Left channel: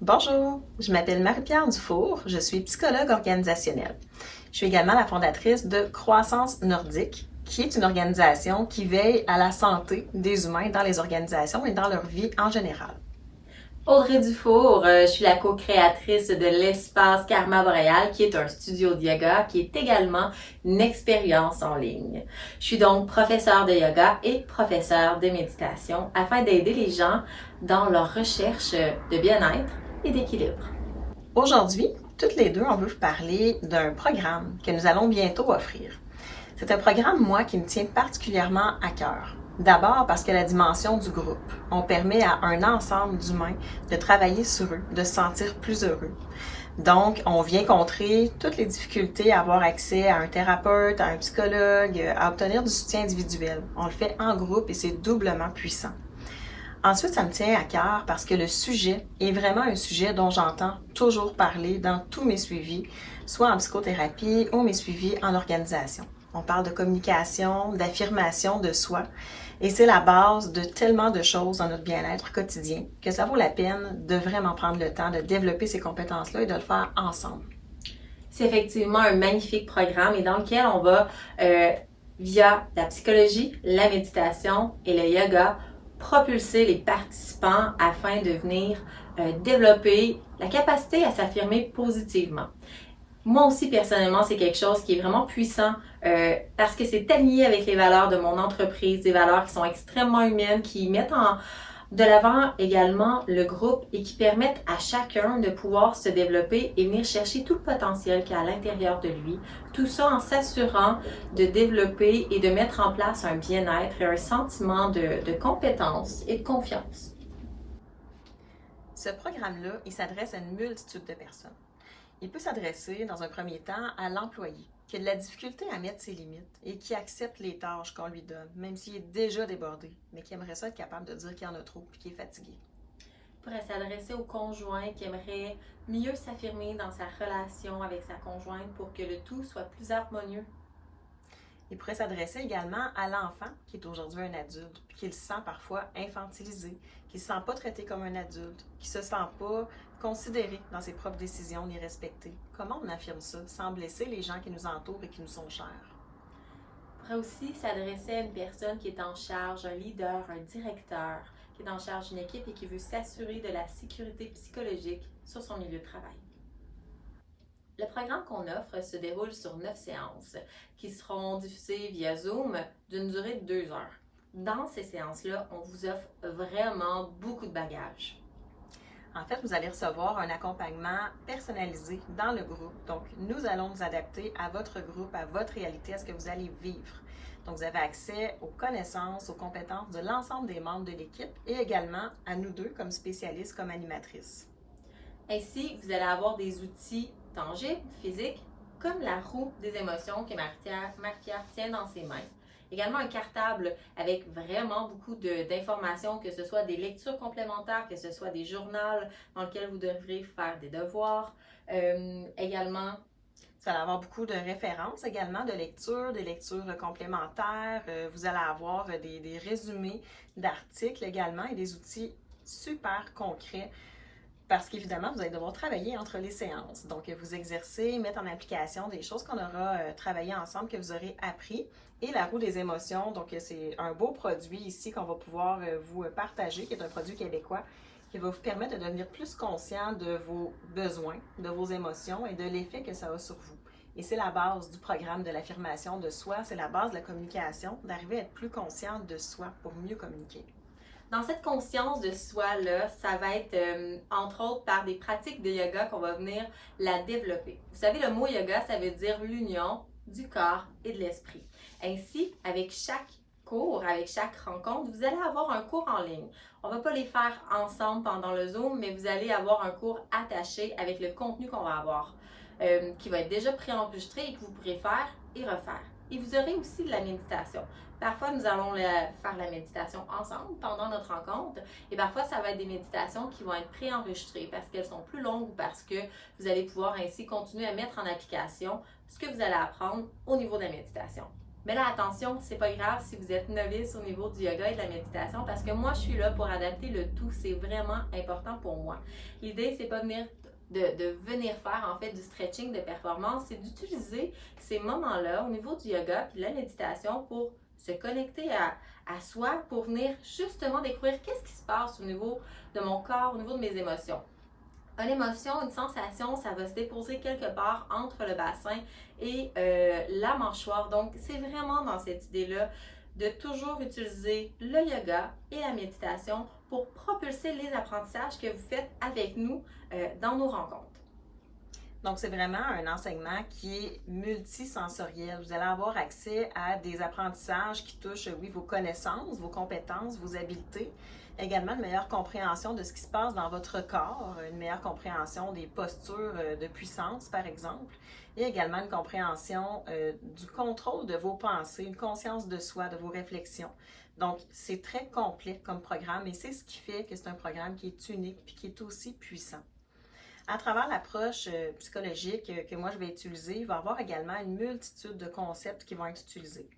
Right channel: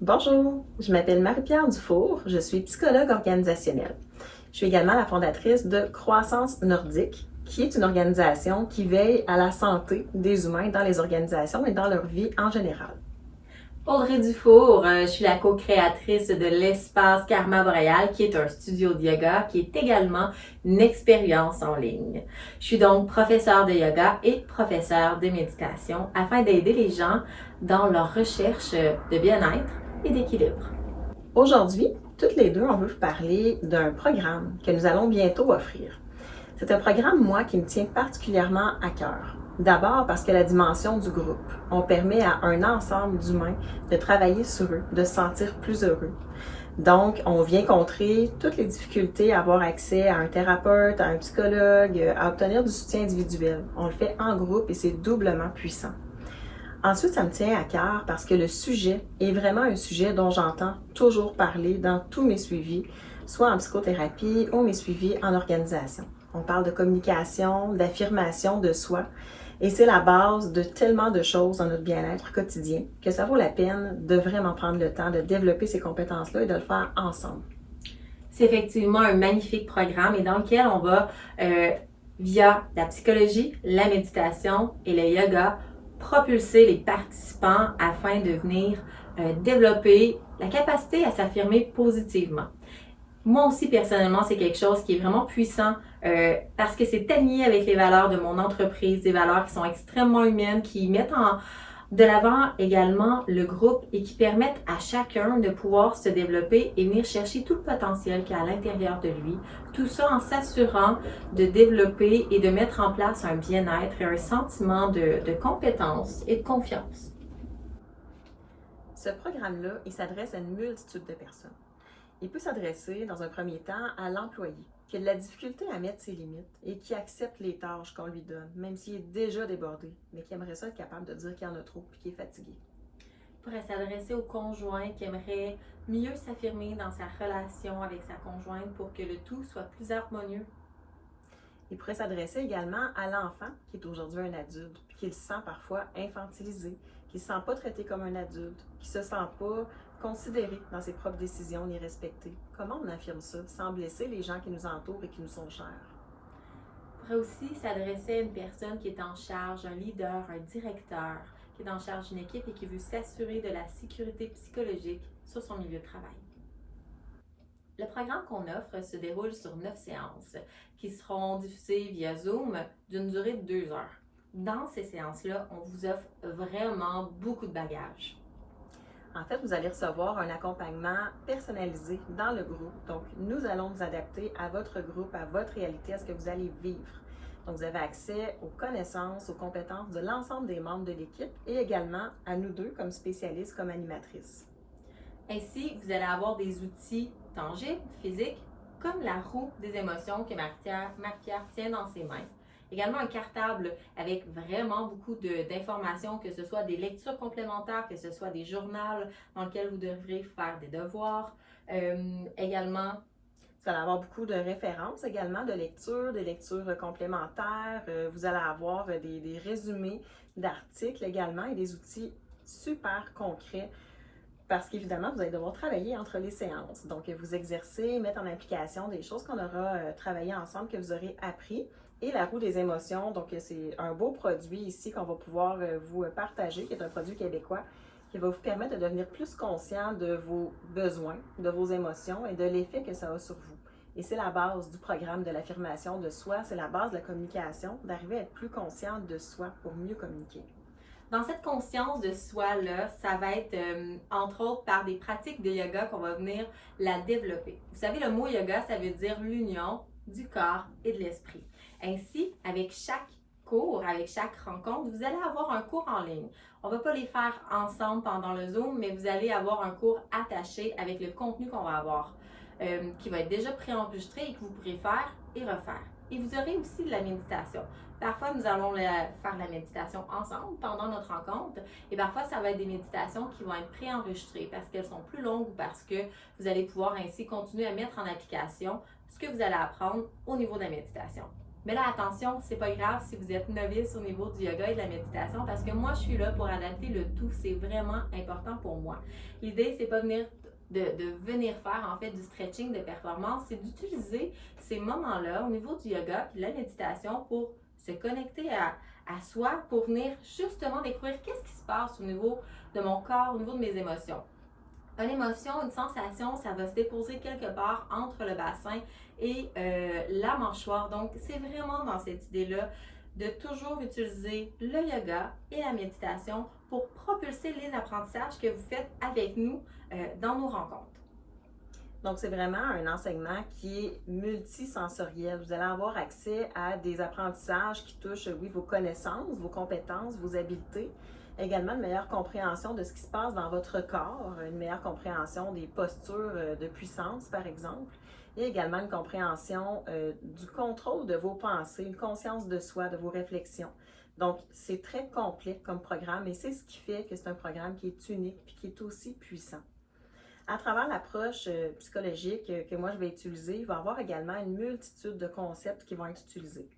Bonjour, je m'appelle Marie-Pierre Dufour, je suis psychologue organisationnelle. Je suis également la fondatrice de Croissance Nordique, qui est une organisation qui veille à la santé des humains dans les organisations et dans leur vie en général. Audrey Dufour, je suis la co-créatrice de l'Espace Karma Boréal, qui est un studio de yoga, qui est également une expérience en ligne. Je suis donc professeure de yoga et professeure de méditation afin d'aider les gens dans leur recherche de bien-être et d'équilibre. Aujourd'hui, toutes les deux, on veut vous parler d'un programme que nous allons bientôt offrir. C'est un programme, moi, qui me tient particulièrement à cœur. D'abord parce que la dimension du groupe. On permet à un ensemble d'humains de travailler sur eux, de se sentir plus heureux. Donc, on vient contrer toutes les difficultés à avoir accès à un thérapeute, à un psychologue, à obtenir du soutien individuel. On le fait en groupe et c'est doublement puissant. Ensuite, ça me tient à cœur parce que le sujet est vraiment un sujet dont j'entends toujours parler dans tous mes suivis, soit en psychothérapie ou mes suivis en organisation. On parle de communication, d'affirmation de soi, et c'est la base de tellement de choses dans notre bien-être quotidien que ça vaut la peine de vraiment prendre le temps de développer ces compétences-là et de le faire ensemble. C'est effectivement un magnifique programme et dans lequel on va, via la psychologie, la méditation et le yoga, propulser les participants afin de venir développer la capacité à s'affirmer positivement. Moi aussi, personnellement, c'est quelque chose qui est vraiment puissant parce que c'est aligné avec les valeurs de mon entreprise, des valeurs qui sont extrêmement humaines, qui mettent de l'avant également le groupe et qui permettent à chacun de pouvoir se développer et venir chercher tout le potentiel qu'il y a à l'intérieur de lui. Tout ça en s'assurant de développer et de mettre en place un bien-être et un sentiment de compétence et de confiance. Ce programme-là, il s'adresse à une multitude de personnes. Il peut s'adresser, dans un premier temps, à l'employé, qui a de la difficulté à mettre ses limites et qui accepte les tâches qu'on lui donne, même s'il est déjà débordé, mais qui aimerait ça être capable de dire qu'il y en a trop et qu'il est fatigué. Il pourrait s'adresser au conjoint qui aimerait mieux s'affirmer dans sa relation avec sa conjointe pour que le tout soit plus harmonieux. Il pourrait s'adresser également à l'enfant qui est aujourd'hui un adulte, puis qui se sent parfois infantilisé, qui ne se sent pas traité comme un adulte, qui ne se sent pas considéré dans ses propres décisions ni respecté. Comment on affirme ça sans blesser les gens qui nous entourent et qui nous sont chers? Il pourrait aussi s'adresser à une personne qui est en charge, un leader, un directeur, qui est en charge d'une équipe et qui veut s'assurer de la sécurité psychologique sur son milieu de travail. Le programme qu'on offre se déroule sur 9 séances qui seront diffusées via Zoom d'une durée de 2 heures. Dans ces séances-là, on vous offre vraiment beaucoup de bagages. En fait, vous allez recevoir un accompagnement personnalisé dans le groupe. Donc, nous allons nous adapter à votre groupe, à votre réalité, à ce que vous allez vivre. Donc, vous avez accès aux connaissances, aux compétences de l'ensemble des membres de l'équipe et également à nous deux comme spécialistes, comme animatrices. Ainsi, vous allez avoir des outils tangibles, physiques, comme la roue des émotions que Marie-Pierre tient dans ses mains. Également un cartable avec vraiment beaucoup d'informations, que ce soit des lectures complémentaires, que ce soit des journaux dans lesquels vous devrez faire des devoirs. Également, vous allez avoir beaucoup de références également, de lectures, des lectures complémentaires. Vous allez avoir des résumés d'articles également et des outils super concrets parce qu'évidemment, vous allez devoir travailler entre les séances. Donc, vous exercer, mettre en application des choses qu'on aura travaillé ensemble, que vous aurez appris. Et la roue des émotions, donc c'est un beau produit ici qu'on va pouvoir vous partager, qui est un produit québécois, qui va vous permettre de devenir plus conscient de vos besoins, de vos émotions et de l'effet que ça a sur vous. Et c'est la base du programme de l'affirmation de soi, c'est la base de la communication, d'arriver à être plus conscient de soi pour mieux communiquer. Dans cette conscience de soi-là, ça va être entre autres par des pratiques de yoga qu'on va venir la développer. Vous savez, le mot yoga, ça veut dire l'union du corps et de l'esprit. Ainsi, avec chaque cours, avec chaque rencontre, vous allez avoir un cours en ligne. On ne va pas les faire ensemble pendant le Zoom, mais vous allez avoir un cours attaché avec le contenu qu'on va avoir, qui va être déjà préenregistré et que vous pourrez faire et refaire. Et vous aurez aussi de la méditation. Parfois, nous allons faire la méditation ensemble pendant notre rencontre et parfois, ça va être des méditations qui vont être préenregistrées parce qu'elles sont plus longues ou parce que vous allez pouvoir ainsi continuer à mettre en application ce que vous allez apprendre au niveau de la méditation. Mais là, attention, c'est pas grave si vous êtes novice au niveau du yoga et de la méditation parce que moi, je suis là pour adapter le tout. C'est vraiment important pour moi. L'idée, c'est pas de venir faire en fait du stretching de performance, c'est d'utiliser ces moments-là au niveau du yoga et de la méditation pour se connecter à soi, pour venir justement découvrir qu'est-ce qui se passe au niveau de mon corps, au niveau de mes émotions. Une émotion, une sensation, ça va se déposer quelque part entre le bassin et la mâchoire. Donc, c'est vraiment dans cette idée-là de toujours utiliser le yoga et la méditation pour propulser les apprentissages que vous faites avec nous dans nos rencontres. Donc, c'est vraiment un enseignement qui est multisensoriel. Vous allez avoir accès à des apprentissages qui touchent, oui, vos connaissances, vos compétences, vos habiletés, également une meilleure compréhension de ce qui se passe dans votre corps, une meilleure compréhension des postures de puissance, par exemple, et également une compréhension du contrôle de vos pensées, une conscience de soi, de vos réflexions. Donc, c'est très complet comme programme et c'est ce qui fait que c'est un programme qui est unique et qui est aussi puissant. À travers l'approche psychologique que moi je vais utiliser, il va y avoir également une multitude de concepts qui vont être utilisés.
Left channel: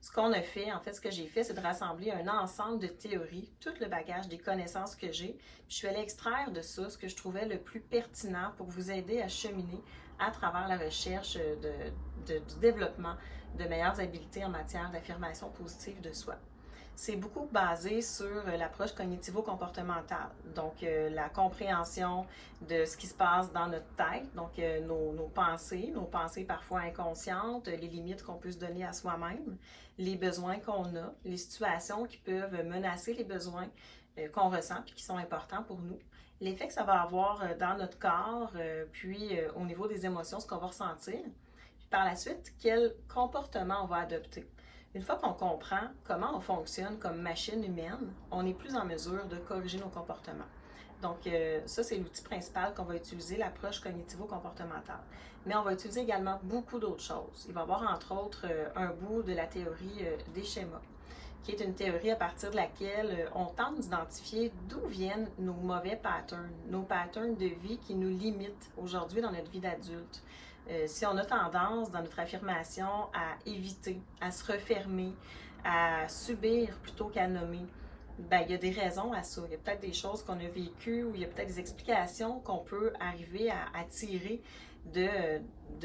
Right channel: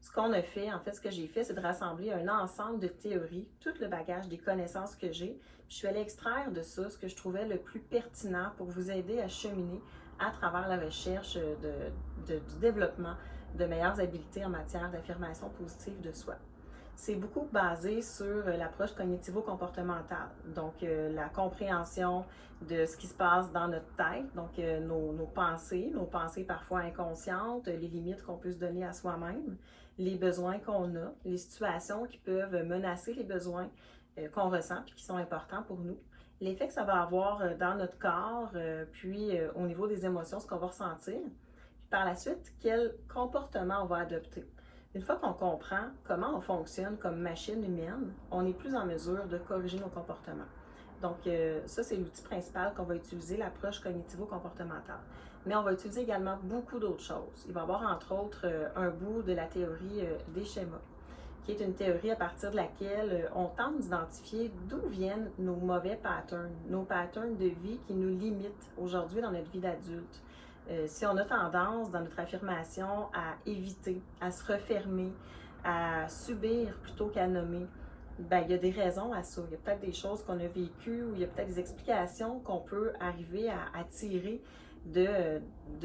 Ce qu'on a fait, en fait, ce que j'ai fait, c'est de rassembler un ensemble de théories, tout le bagage des connaissances que j'ai. Je suis allée extraire de ça ce que je trouvais le plus pertinent pour vous aider à cheminer à travers la recherche du développement de meilleures habiletés en matière d'affirmation positive de soi. C'est beaucoup basé sur l'approche cognitivo-comportementale, donc la compréhension de ce qui se passe dans notre tête, donc nos pensées parfois inconscientes, les limites qu'on peut se donner à soi-même, les besoins qu'on a, les situations qui peuvent menacer les besoins qu'on ressent et qui sont importants pour nous, l'effet que ça va avoir dans notre corps, puis au niveau des émotions, ce qu'on va ressentir, puis par la suite, quel comportement on va adopter. Une fois qu'on comprend comment on fonctionne comme machine humaine, on est plus en mesure de corriger nos comportements. Donc, ça, c'est l'outil principal qu'on va utiliser, l'approche cognitivo-comportementale. Mais on va utiliser également beaucoup d'autres choses. Il va y avoir, entre autres, un bout de la théorie des schémas, qui est une théorie à partir de laquelle on tente d'identifier d'où viennent nos mauvais patterns, nos patterns de vie qui nous limitent aujourd'hui dans notre vie d'adulte. Si on a tendance dans notre affirmation à éviter, à se refermer, à subir plutôt qu'à nommer, ben, il y a des raisons à ça. Il y a peut-être des choses qu'on a vécues ou il y a peut-être des explications qu'on peut arriver à tirer de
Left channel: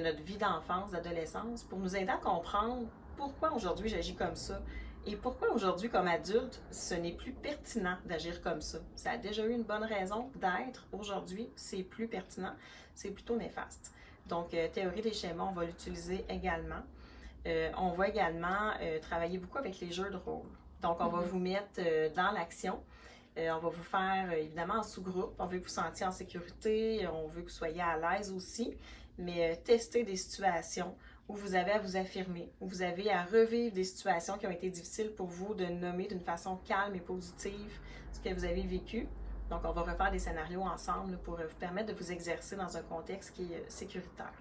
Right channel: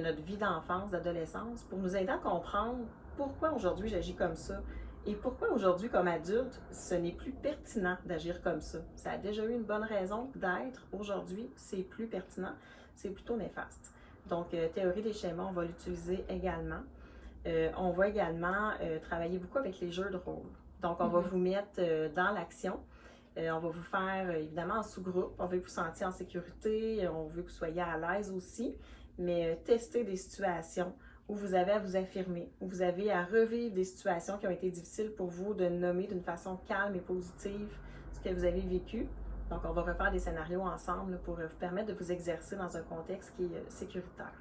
notre vie d'enfance, d'adolescence pour nous aider à comprendre pourquoi aujourd'hui j'agis comme ça et pourquoi aujourd'hui comme adulte ce n'est plus pertinent d'agir comme ça. Ça a déjà eu une bonne raison d'être. Aujourd'hui, c'est plus pertinent, c'est plutôt néfaste. Donc, théorie des schémas, on va l'utiliser également. On va également travailler beaucoup avec les jeux de rôle. Donc, on va vous mettre dans l'action. On va vous faire évidemment en sous-groupe. On veut que vous sentiez en sécurité. On veut que vous soyez à l'aise aussi. Mais tester des situations où vous avez à vous affirmer, où vous avez à revivre des situations qui ont été difficiles pour vous, de nommer d'une façon calme et positive ce que vous avez vécu. Donc, on va refaire des scénarios ensemble pour vous permettre de vous exercer dans un contexte qui est sécuritaire.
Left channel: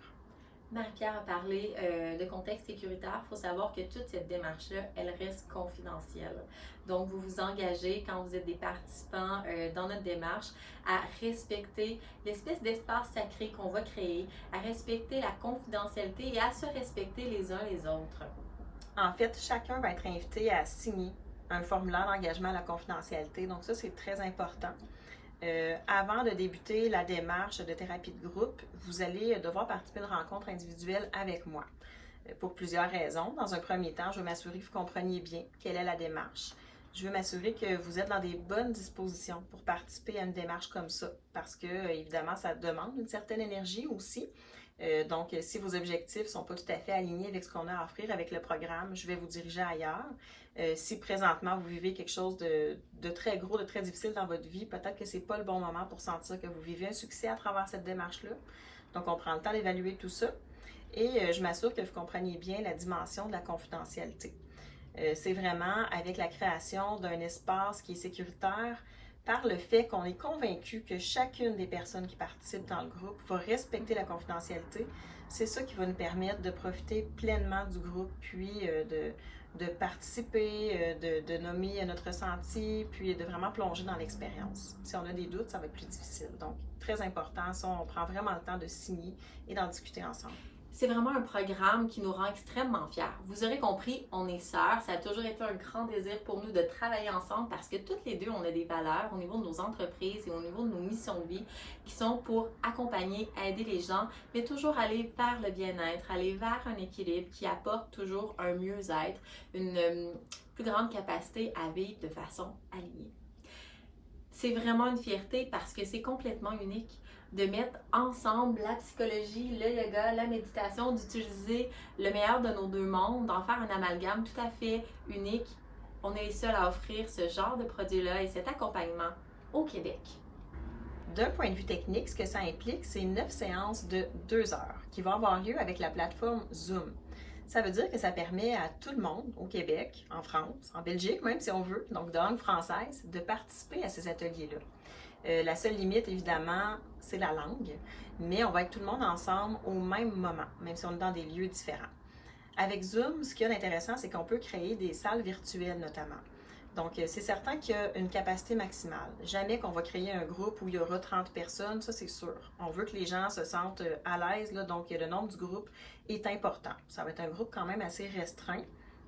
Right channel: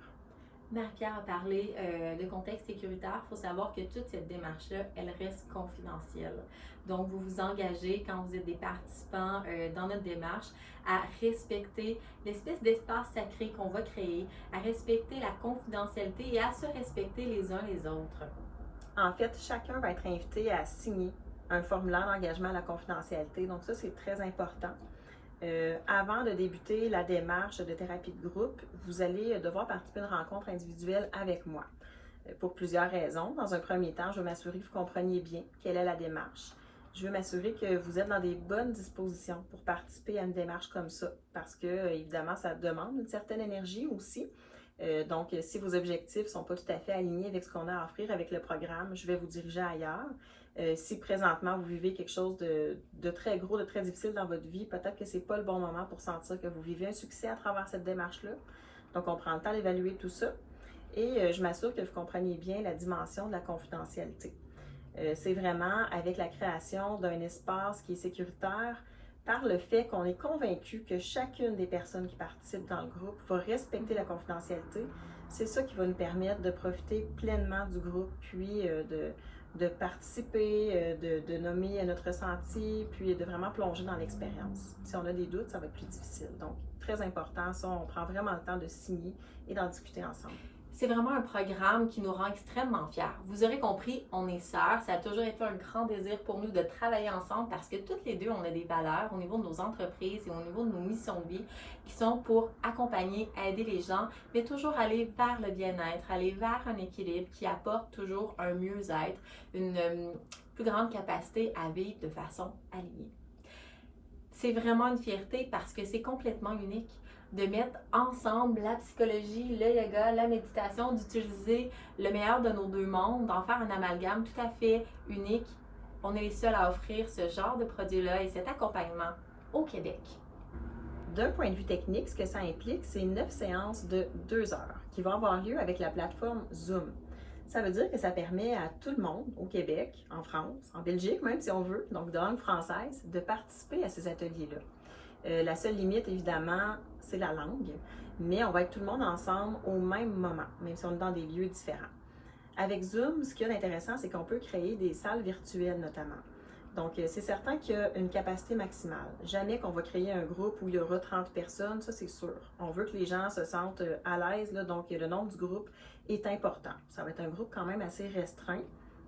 Marie-Pierre a parlé de contexte sécuritaire. Il faut savoir que toute cette démarche-là, elle reste confidentielle. Donc, vous vous engagez quand vous êtes des participants dans notre démarche à respecter l'espèce d'espace sacré qu'on va créer, à respecter la confidentialité et à se respecter les uns les autres. En fait, chacun va être invité à signer un formulaire d'engagement à la confidentialité. Donc ça, c'est très important. Avant de débuter la démarche de thérapie de groupe, vous allez devoir participer à une rencontre individuelle avec moi. Pour plusieurs raisons. Dans un premier temps, je veux m'assurer que vous compreniez bien quelle est la démarche. Je veux m'assurer que vous êtes dans des bonnes dispositions pour participer à une démarche comme ça, parce que, évidemment, ça demande une certaine énergie aussi. Donc, si vos objectifs sont pas tout à fait alignés avec ce qu'on a à offrir avec le programme, je vais vous diriger ailleurs. Si présentement vous vivez quelque chose de très gros, de très difficile dans votre vie, peut-être que c'est pas le bon moment pour sentir que vous vivez un succès à travers cette démarche-là. Donc, on prend le temps d'évaluer tout ça. Et je m'assure que vous compreniez bien la dimension de la confidentialité. C'est vraiment avec la création d'un espace qui est sécuritaire par le fait qu'on est convaincu que chacune des personnes qui participent dans le groupe va respecter la confidentialité. C'est ça qui va nous permettre de profiter pleinement du groupe, puis de participer, de nommer notre ressenti, puis de vraiment plonger dans l'expérience. Si on a des doutes, ça va être plus difficile. Donc, très important, ça, on prend vraiment le temps de signer et d'en discuter ensemble. C'est vraiment un programme qui nous rend extrêmement fiers. Vous aurez compris, on est sœurs. Ça a toujours été un grand désir pour nous de travailler ensemble parce que toutes les deux, on a des valeurs au niveau de nos entreprises et au niveau de nos missions de vie qui sont pour accompagner, aider les gens, mais toujours aller vers le bien-être, aller vers un équilibre qui apporte toujours un mieux-être, une plus grande capacité à vivre de façon alignée. C'est vraiment une fierté parce que c'est complètement unique de mettre ensemble la psychologie, le yoga, la méditation, d'utiliser le meilleur de nos deux mondes, d'en faire un amalgame tout à fait unique. On est les seuls à offrir ce genre de produit-là et cet accompagnement au Québec. D'un point de vue technique, ce que ça implique, c'est 9 séances de 2 heures qui vont avoir lieu avec la plateforme Zoom. Ça veut dire que ça permet à tout le monde au Québec, en France, en Belgique même si on veut, donc de langue française, de participer à ces ateliers-là. La seule limite, évidemment, c'est la langue, mais on va être tout le monde ensemble au même moment, même si on est dans des lieux différents. Avec Zoom, ce qu'il y a d'intéressant, c'est qu'on peut créer des salles virtuelles notamment. Donc, c'est certain qu'il y a une capacité maximale. Jamais qu'on va créer un groupe où il y aura 30 personnes, ça c'est sûr. On veut que les gens se sentent à l'aise, là, donc le nombre du groupe est important. Ça va être un groupe quand même assez restreint.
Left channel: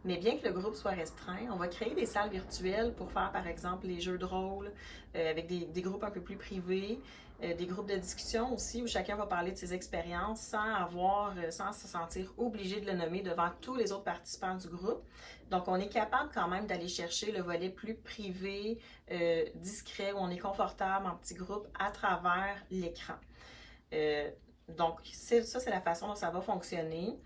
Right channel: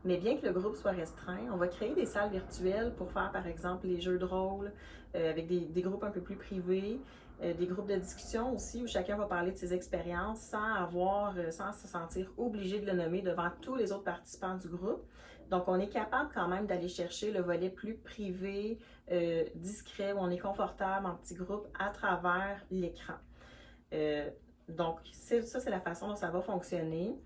Mais bien que le groupe soit restreint, on va créer des salles virtuelles pour faire, par exemple, les jeux de rôle avec des groupes un peu plus privés, des groupes de discussion aussi où chacun va parler de ses expériences sans se sentir obligé de le nommer devant tous les autres participants du groupe. Donc, on est capable quand même d'aller chercher le volet plus privé, discret, où on est confortable en petit groupe à travers l'écran. Donc, ça, c'est la façon dont ça va fonctionner.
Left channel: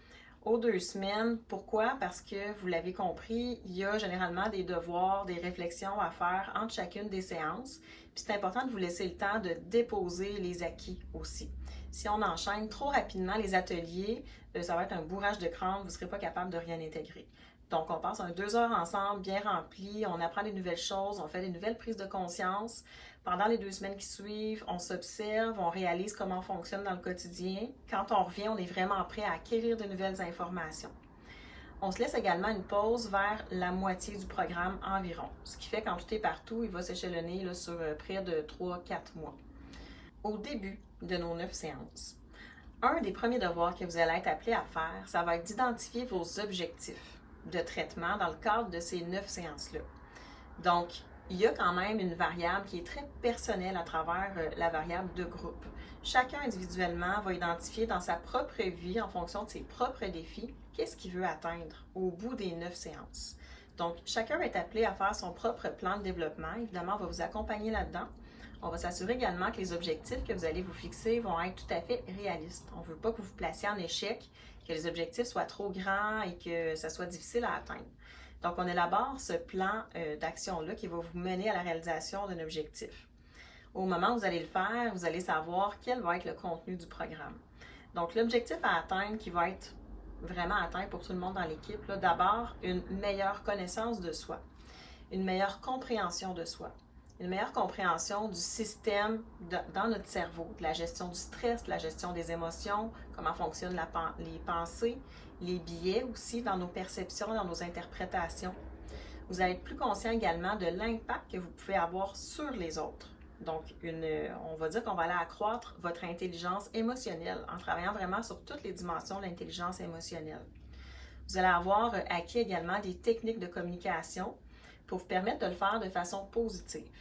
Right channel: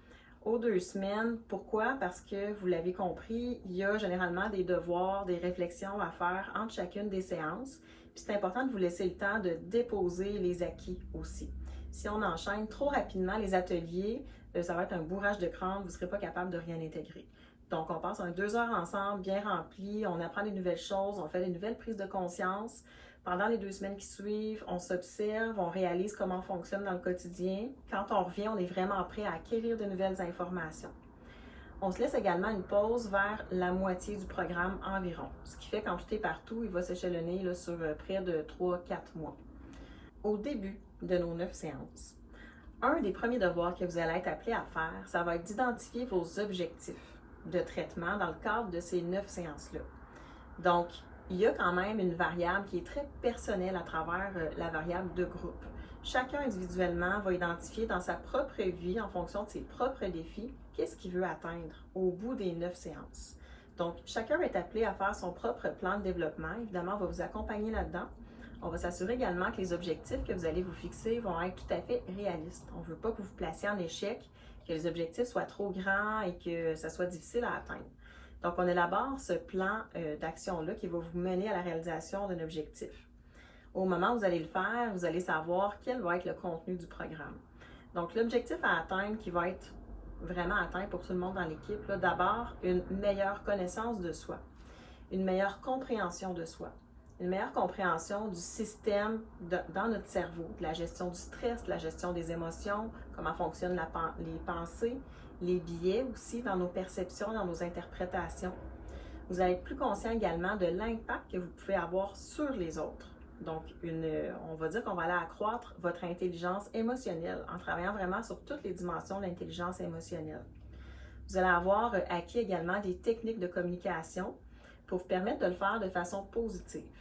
Aux 2 semaines. Pourquoi? Parce que, vous l'avez compris, il y a généralement des devoirs, des réflexions à faire entre chacune des séances. Puis c'est important de vous laisser le temps de déposer les acquis aussi. Si on enchaîne trop rapidement les ateliers, ça va être un bourrage de crâne, vous ne serez pas capable de rien intégrer. Donc, on passe 2 heures ensemble, bien remplis, on apprend des nouvelles choses, on fait des nouvelles prises de conscience. Pendant les 2 semaines qui suivent, on s'observe, on réalise comment on fonctionne dans le quotidien. Quand on revient, on est vraiment prêt à acquérir de nouvelles informations. On se laisse également une pause vers la moitié du programme environ, ce qui fait qu'en tout et partout, il va s'échelonner là, sur près de 3-4 mois. Au début de nos 9 séances, un des premiers devoirs que vous allez être appelé à faire, ça va être d'identifier vos objectifs de traitement dans le cadre de ces 9 séances-là. Donc, il y a quand même une variable qui est très personnelle à travers la variable de groupe. Chacun individuellement va identifier dans sa propre vie, en fonction de ses propres défis, qu'est-ce qu'il veut atteindre au bout des 9 séances. Donc, chacun est appelé à faire son propre plan de développement. Évidemment, on va vous accompagner là-dedans. On va s'assurer également que les objectifs que vous allez vous fixer vont être tout à fait réalistes. On ne veut pas que vous vous placiez en échec, que les objectifs soient trop grands et que ça soit difficile à atteindre. Donc, on élabore ce plan d'action-là qui va vous mener à la réalisation d'un objectif. Au moment où vous allez le faire, vous allez savoir quel va être le contenu du programme. Donc, l'objectif à atteindre qui va être vraiment atteint pour tout le monde dans l'équipe, d'abord, une meilleure connaissance de soi, une meilleure compréhension de soi, une meilleure compréhension du système dans notre cerveau, de la gestion du stress, de la gestion des émotions, comment fonctionnent les pensées, les biais aussi dans nos perceptions, dans nos interprétations. Vous allez être plus conscient également de l'impact que vous pouvez avoir sur les autres. Donc, on va dire qu'on va aller accroître votre intelligence émotionnelle en travaillant vraiment sur toutes les dimensions de l'intelligence émotionnelle. Vous allez avoir acquis également des techniques de communication pour vous permettre de le faire de façon positive.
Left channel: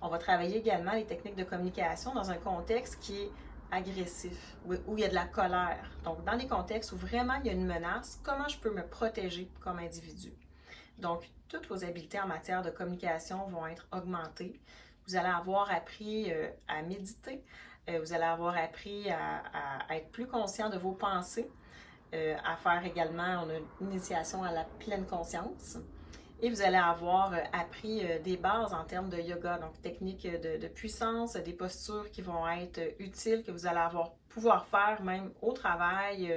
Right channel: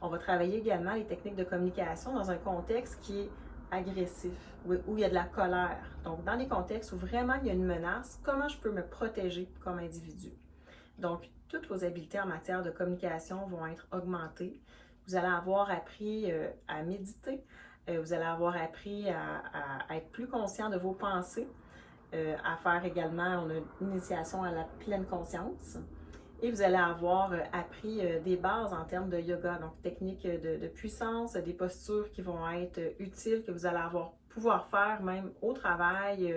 On va travailler également les techniques de communication dans un contexte qui est agressif, où il y a de la colère. Donc, dans des contextes où vraiment il y a une menace, comment je peux me protéger comme individu? Donc, toutes vos habiletés en matière de communication vont être augmentées. Vous allez avoir appris à méditer. Vous allez avoir appris à être plus conscient de vos pensées, à faire également une initiation à la pleine conscience. Et vous allez avoir appris des bases en termes de yoga, donc techniques de puissance, des postures qui vont être utiles, que vous allez pouvoir faire même au travail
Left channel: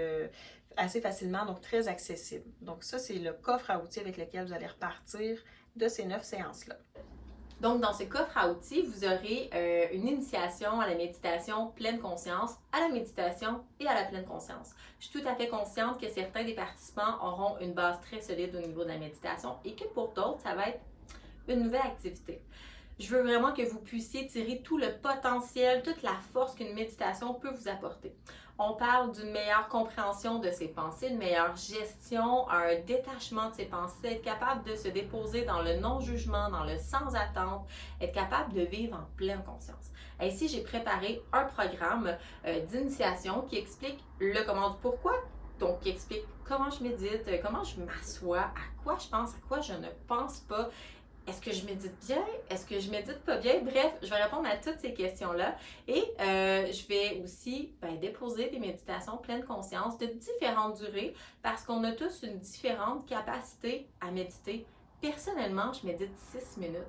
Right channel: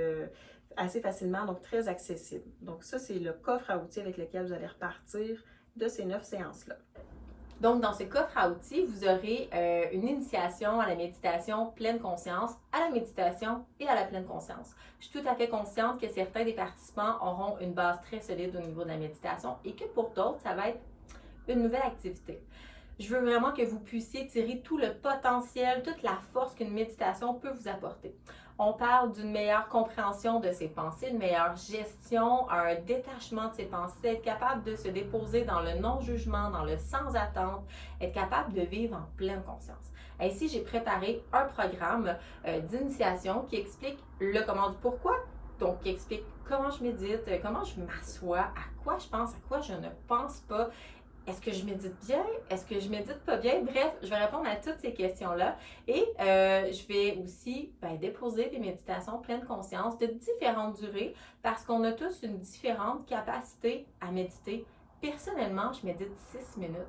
assez facilement, donc très accessible. Donc ça, c'est le coffre à outils avec lequel vous allez repartir de ces 9 séances-là. Donc, dans ce coffre à outils, vous aurez une initiation à la méditation pleine conscience, à la méditation et à la pleine conscience. Je suis tout à fait consciente que certains des participants auront une base très solide au niveau de la méditation et que pour d'autres, ça va être une nouvelle activité. Je veux vraiment que vous puissiez tirer tout le potentiel, toute la force qu'une méditation peut vous apporter. On parle d'une meilleure compréhension de ses pensées, une meilleure gestion, un détachement de ses pensées, être capable de se déposer dans le non-jugement, dans le sans-attente, être capable de vivre en pleine conscience. Ainsi, j'ai préparé un programme d'initiation qui explique le comment du pourquoi, donc qui explique comment je médite, comment je m'assois, à quoi je pense, à quoi je ne pense pas. Est-ce que je médite bien? Est-ce que je médite pas bien? Bref, je vais répondre à toutes ces questions-là et je vais aussi déposer des méditations pleine conscience de différentes durées parce qu'on a tous une différente capacité à méditer. Personnellement, je médite 6 minutes.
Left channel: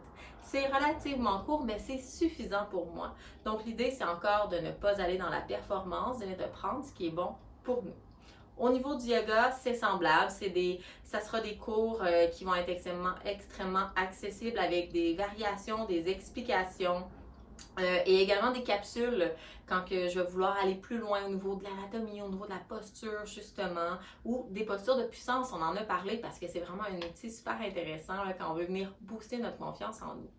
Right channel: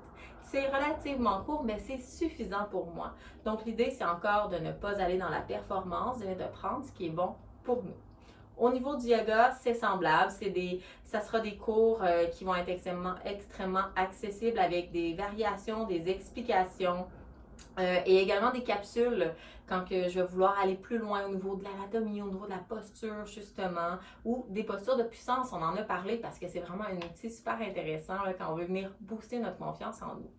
C'est relativement court, mais c'est suffisant pour moi. Donc, l'idée, c'est encore de ne pas aller dans la performance, de prendre ce qui est bon pour nous. Au niveau du yoga, c'est semblable. Ça sera des cours qui vont être extrêmement accessibles avec des variations, des explications et également des capsules quand que je vais vouloir aller plus loin au niveau de l'anatomie, au niveau de la posture justement, ou des postures de puissance. On en a parlé parce que c'est vraiment un outil super intéressant là, quand on veut venir booster notre confiance en nous.